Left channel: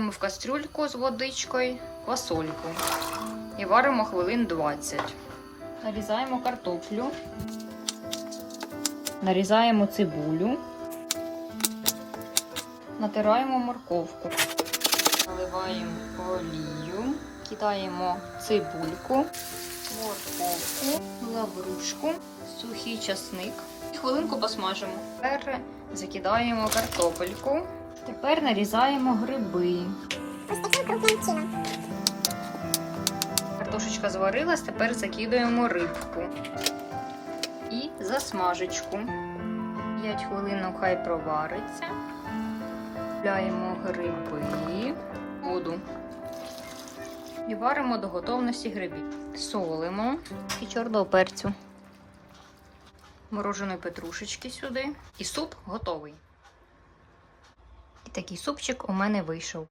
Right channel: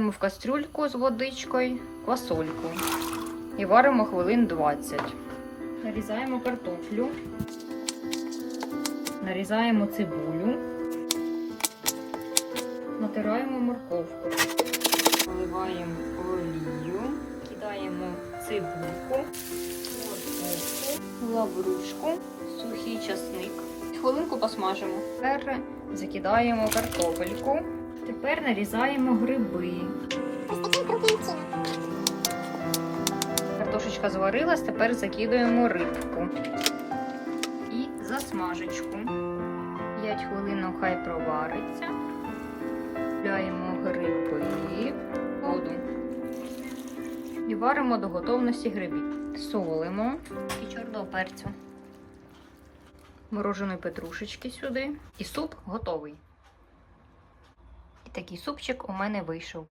Викладаємо в кастрюльку з водичкою квасольку і варимо хвилин 20. Нарізаємо картоплю, нарізаємо цибулю, натираємо морковку, наливаємо олію, кидаємо цибульку, морковку, лаврушку, сухий часник. Хвилинку посмажимо. Тепер закидаємо картопельку. Тепер нарізаємо гриби. Ось таким крупним чином. Картошечка зварилась, тепер закидуємо рибку і засмажечку. 5 хвилин хай провариться. Купляємо гриби, воду. І варимо до готовності грибів. Солимо і чорного перцю. Мороженої петрушечки сюди. І суп готовий. І такий супчик у мене вийшов.